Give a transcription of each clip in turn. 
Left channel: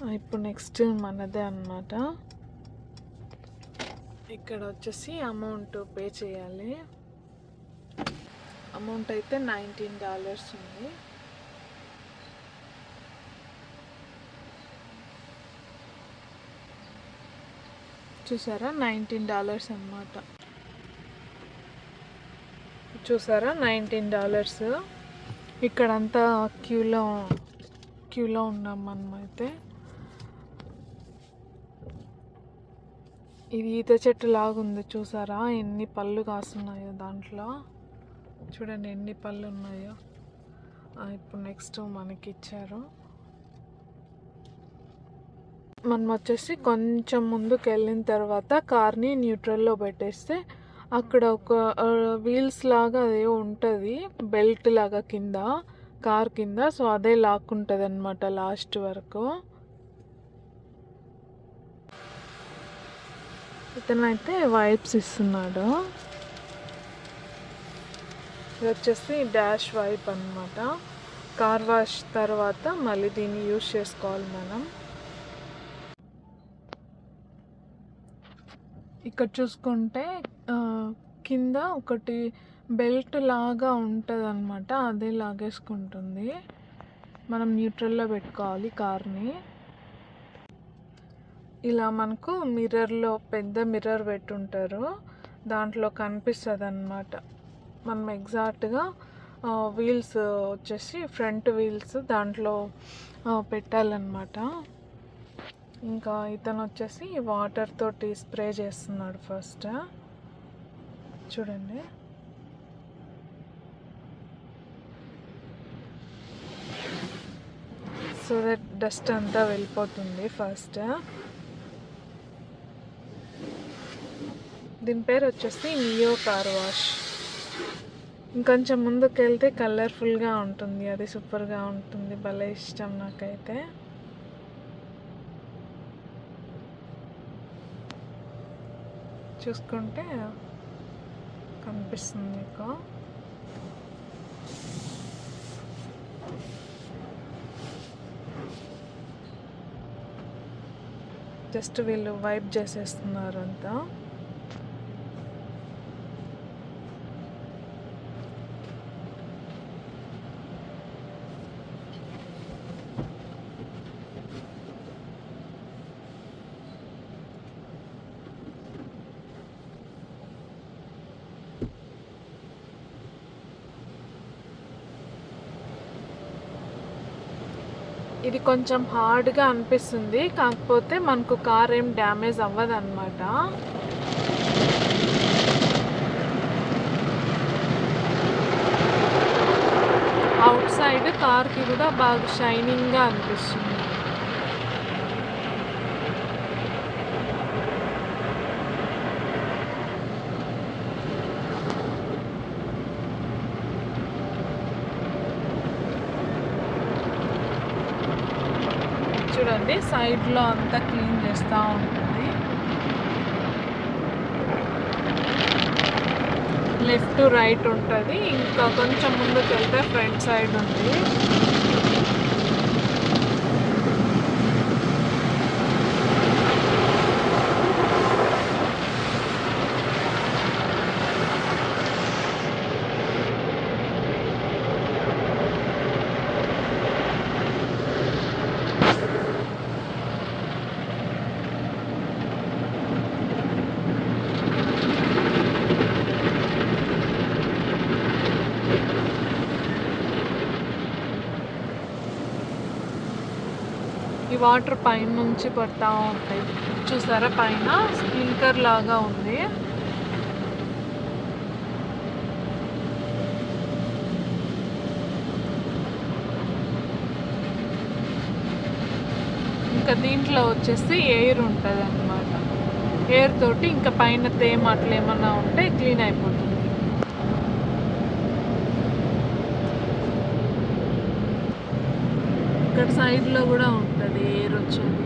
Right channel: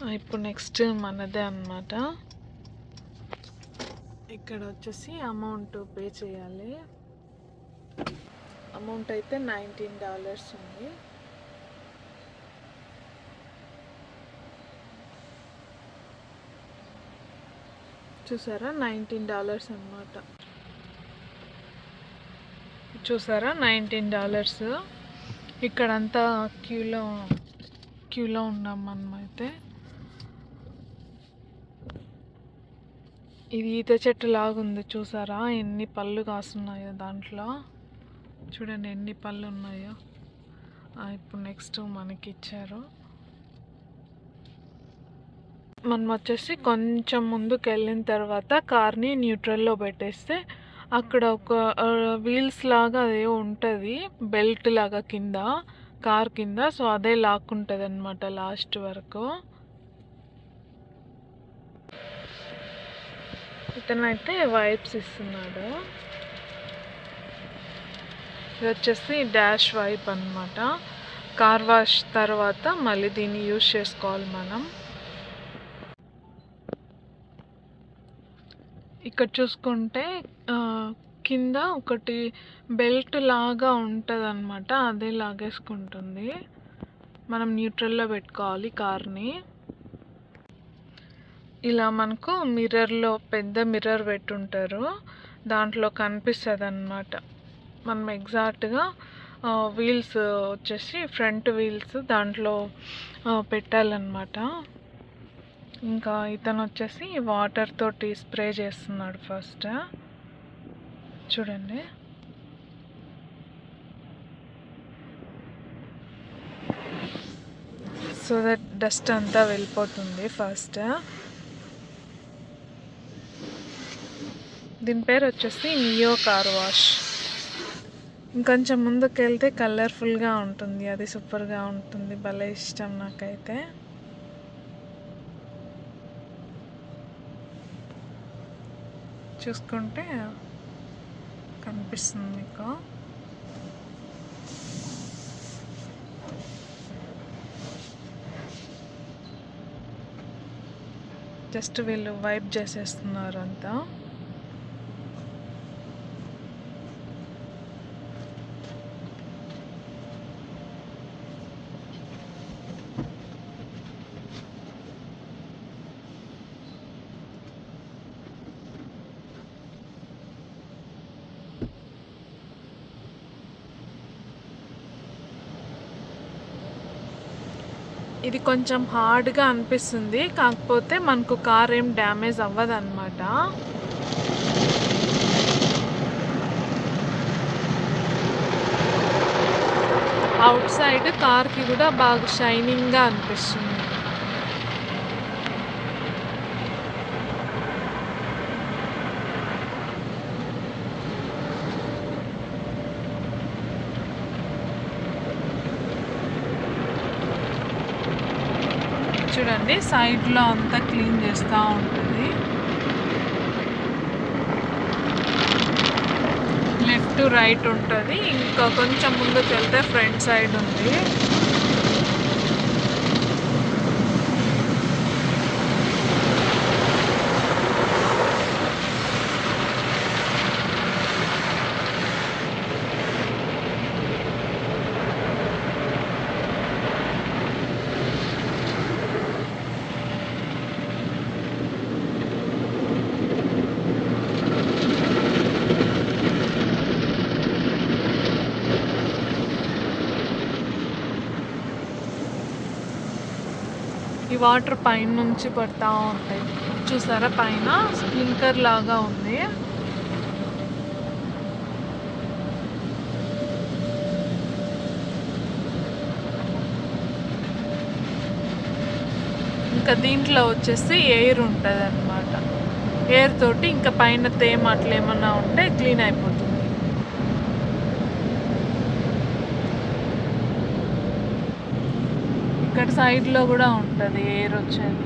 ఇప్పుడు నెక్స్ట్ మనదే అన్నమాట. ఇక్కడ వచ్చేసి అమౌంట్ పే చేయాలి. అమౌంట్ అయితే $19 ఉంది. చూసారా, $19 అన్నమాట. చూసారా, $19. ఇక్కడంతా క్యూలో ఉన్నాం మనమైతే. ఇది ఈత చెట్టు లాగా ఉంది, చూసారా ఎన్ని పళ్ళు కాస్తున్నాయో దాంట్లో. చూడండి ఎన్ని పళ్ళు ఉన్నాయో. ఇప్పుడు నెక్స్ట్ మనకి ఇచ్చారు. మనం వచ్చేసి కొంచెం ముందుకు వెళ్ళిన తర్వాత కార్ని న్యూట్రల్లో పెట్టేస్తే అక్కడ ఒక వీల్స్ లాగా అదే ఉంటుంది, బెల్ట్ లాగా కింద, కార్ కింద. సో అదే లాక్కుంటుంది అనమాట లాస్ట్ వరకు. ఇతనైతే వైప్స్ ఇస్తున్నాడు. ఇది వచ్చేసి డాష్ వైప్ అన్నమాట. కార్ వాష్ తర్వాత మళ్ళీ దీన్ని యూజ్ చేసుకోవాలి మనం. ఇక్కడ చూసుకుంటే కింద ఒకటి బెల్ట్ లాగా ఉంటుంది అనమాట, అదే లాగేసుకుంటుంది. మనం న్యూట్రల్లో పెట్టుకోవాలి కార్ని. ఇలా మనకు మిర్రర్లో పెద్ద మిర్రర్ పెట్టుంటారు, దాంట్లో కనిపిస్తుంది అన్నమాట. మనం ఎగ్జాక్ట్గా వీల్స్ వచ్చేసి ఫ్రంట్ వీల్స్ దాంట్లో పెట్టాలన్నమాట. ఇంకా ఇతను వచ్చేసి వాటర్ తోటి స్ప్రే చేస్తున్నాడు ఫస్ట్. చూడండి, సో దట్ డస్ట్ అంతా వెళ్ళిపోతుంది ఫస్ట్. దీని పేరు వచ్చేసి నియో కార్ వాష్. ఇంకొంచెం ముందుకు వెళ్తే కలర్ఫుల్గా ఉంటుంది, అది సూపర్గా ఉంటుంది, భలే ఇష్టం నాకైతే. చూసుకుంటే కనిపిస్తుంది మీకు. జస్ట్ వీళ్ళు వైప్ చేసేస్తున్నారు అంతా. ఇది కొంచెం హార్డ్గా అనిపిస్తుంది, కాకపోతే మనకు కార్ ఏం డ్యామేజ్ అవ్వదు అన్నమాట. అవుట్ సైడ్ కార్కి కూడా బాగా షైనింగ్గా అనిపిస్తుంది. చూడండి, సైడ్లో అంతా క్లీన్ చేస్తూ ఉంటుంది. లెఫ్ట్ రైట్ ఉంటుంది. ఇంకా కొంచెం ముందుకు వెళ్తే ఫ్రంట్ సైడ్ ఉంది. ఈ వాటర్ పైన నుంచి పడతా ఉంటాయి, చూసారా, పైన స్ప్రింక్లర్ లాగా ఉంది. ఇంకా దీంట్లో వచ్చేసి ఎయిర్ ఉంటుంది అన్నమాట. ఎయిర్ తోటి ఇంకా పైన తేమ అట్లా ఏమన్నా ఉంటే క్లీన్ అయిపోతుంది. ఇక్కడ సైడ్లో కూడా ఉంటుంది ఎయిర్ వచ్చేది.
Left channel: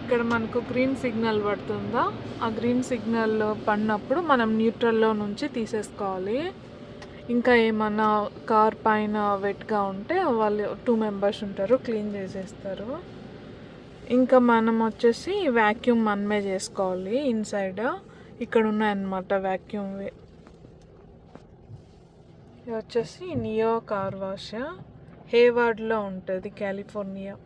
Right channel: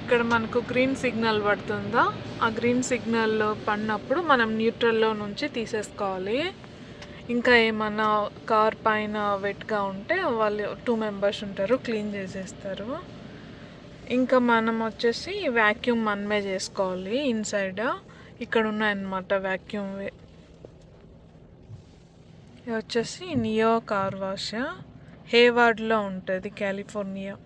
ఇక్కడ మనకు గ్రీన్ సిగ్నల్ పడుతుందా, ఆ గ్రీన్ సిగ్నల్ పడినప్పుడు మనం న్యూట్రల్లో నుంచి తీసేసుకోవాలి. ఇంకా ఏమన్నా కార్ పైన వెట్గా ఉంటే వాళ్ళు 2 మెంబర్స్ ఉంటారు, క్లీన్ చేసేస్తారు. ఇంకా మనం వచ్చేసి వ్యాక్యూమ్ మనమే చేసుకోవాలి ఇన్సైడ్. ఇక్కడ ఉన్నాయన్నమాట వ్యాక్యూమ్వి. ఇది వచ్చేసి నియో కార్ వాష్, హేవార్డ్లో ఉంటుంది, కాలిఫోర్నియా.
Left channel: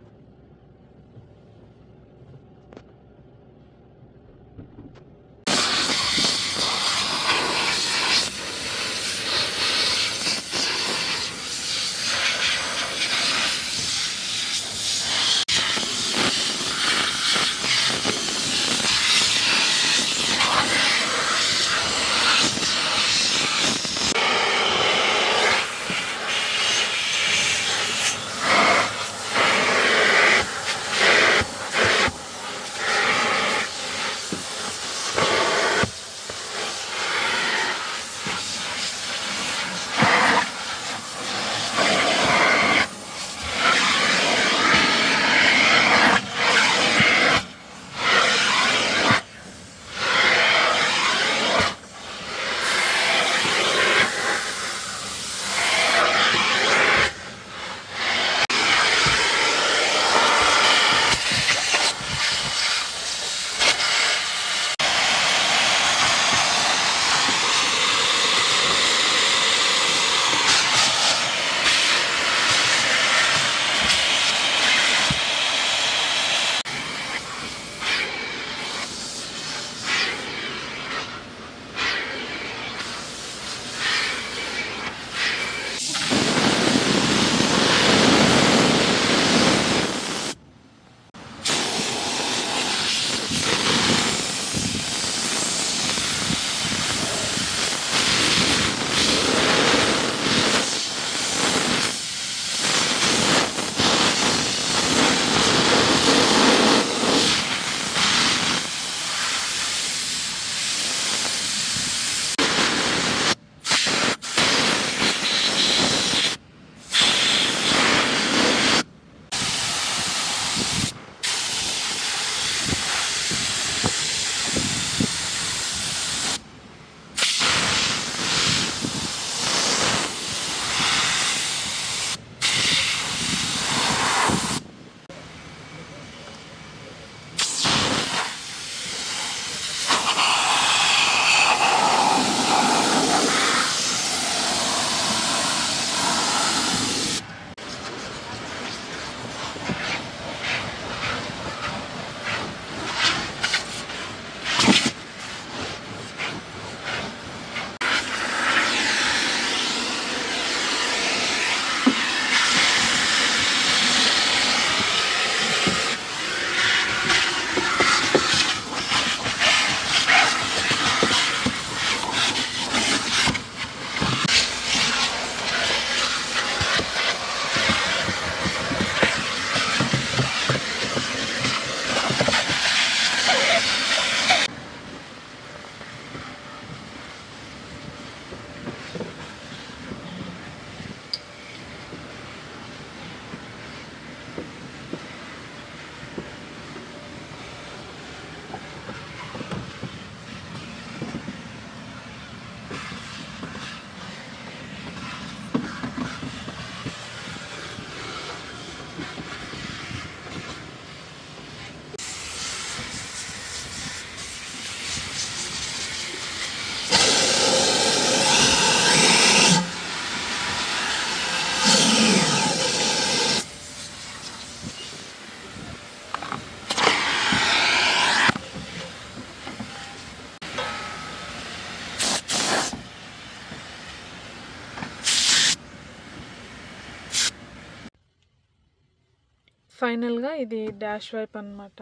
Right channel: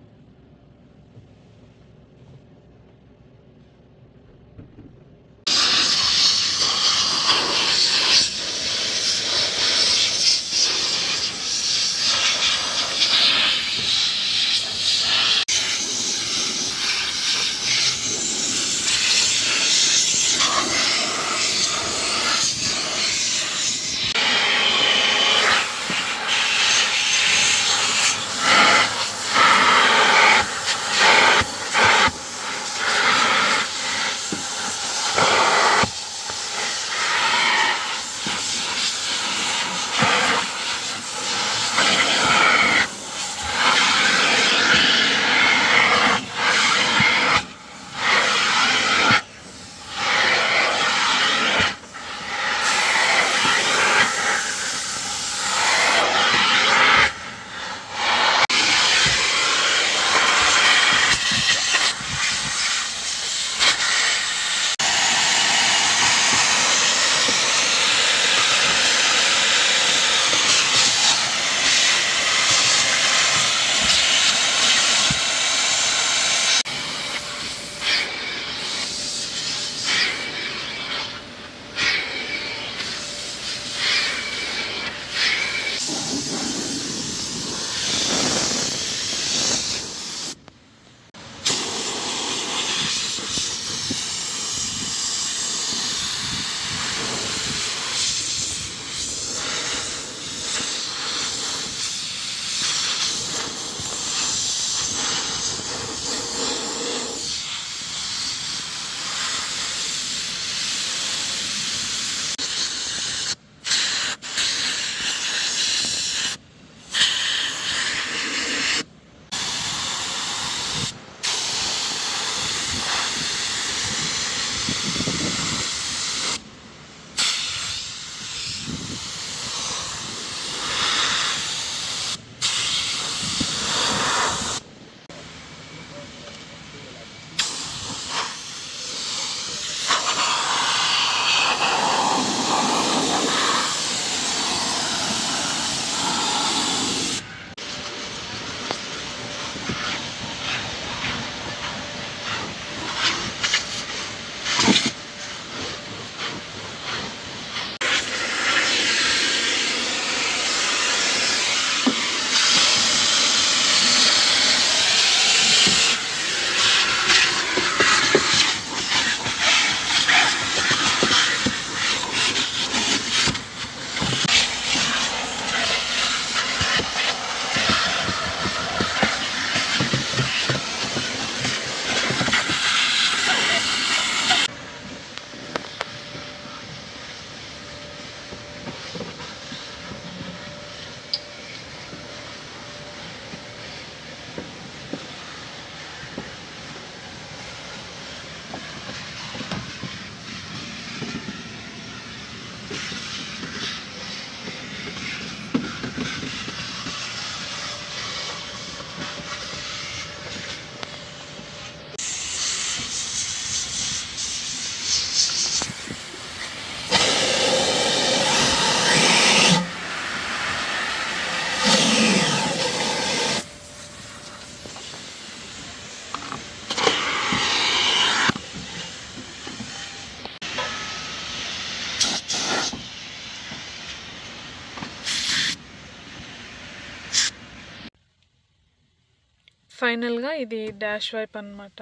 ఫైనల్గా ఇది డాష్ వైప్ అనమాట.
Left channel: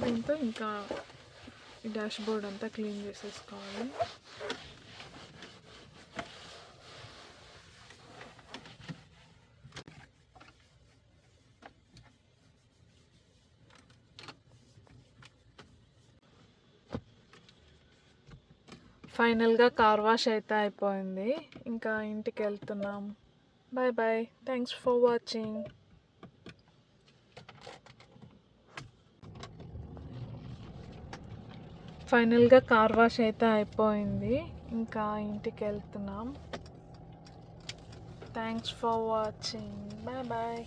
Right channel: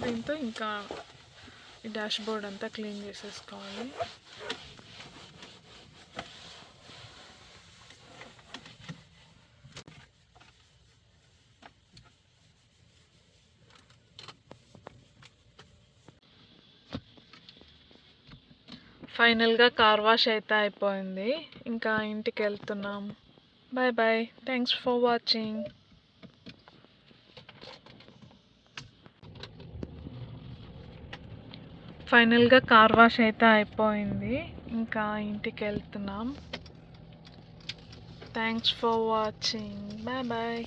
దీంతో ఇంకా ఈ డాష్ బోర్డ్ అంతా క్లీన్ చేసేసుకోవాలి. ఫైనల్గా కార్ వాష్ అయితే అయిపోయింది. ఇంకా ఇంటికి వెళ్తున్నాం. Bye bye, thanks for watching. ఫైనల్గా కార్ వాష్ అయితే అయిపోయింది. ఇంకా ఇంటికెళ్తున్నాం. Thanks for watching. Bye bye.